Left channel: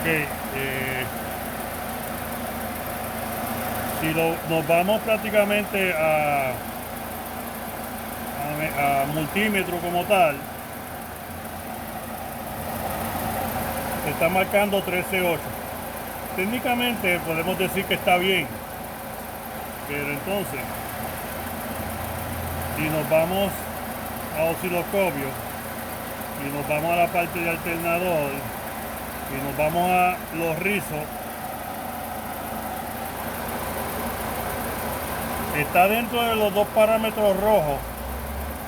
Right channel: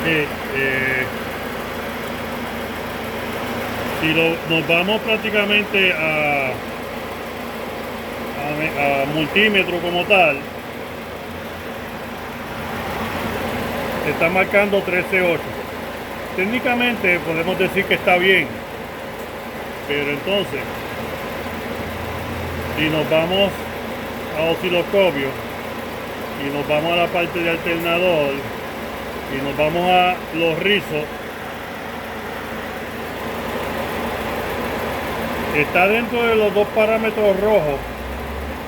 Ok, si nos vamos prácticamente a multímetro como tal, está marcando 13.8. Técnicamente podemos decir que está bien, pero entonces, si nos vamos a osciloscopio y nos vamos a la parte de alternador y nos vamos a los rizos, está dentro de los dos parámetros rojos,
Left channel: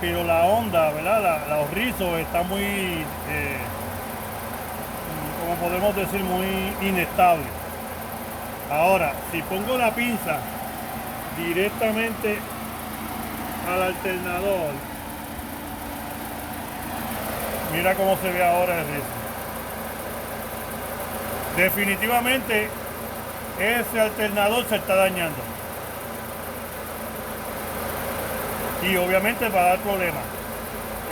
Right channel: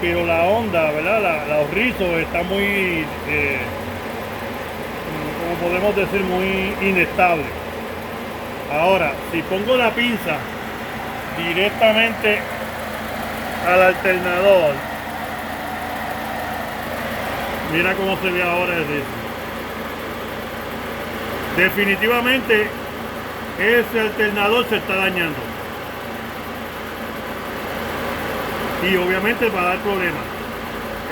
pero la onda, ¿verdad? Los rizos está muy, como podemos decir, muy inestable. Ahora, si pongo la pinza directamente al alternador, mira cómo se ve ahora el rizo. Definitivamente ese alternador se está dañando. Y obviamente va a dar problemas.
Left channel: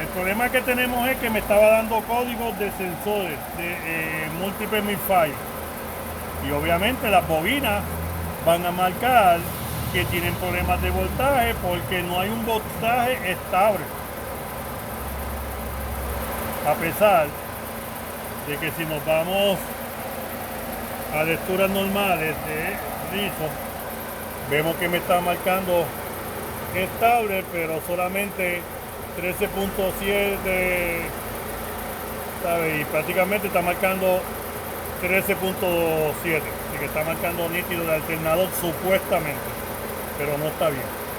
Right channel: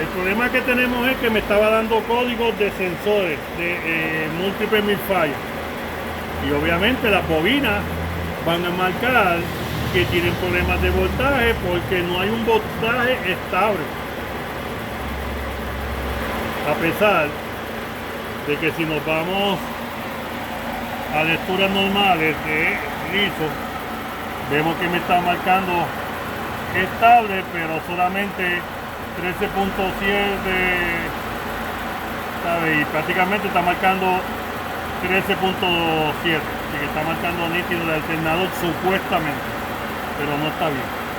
El problema que tenemos es que me estaba dando códigos de sensores de múltiples mil fallos. Y obviamente las bobinas van a marcar que tienen problemas de voltaje porque no hay un voltaje estable. A pesar de que si nos vamos a lecturas normales de rizo, vemos que me está marcando estable, pero solamente 13.7, ¿sabe? Y prácticamente está marcando 13.7, así que está marcando nítido el alternador supuestamente, pero no está bien.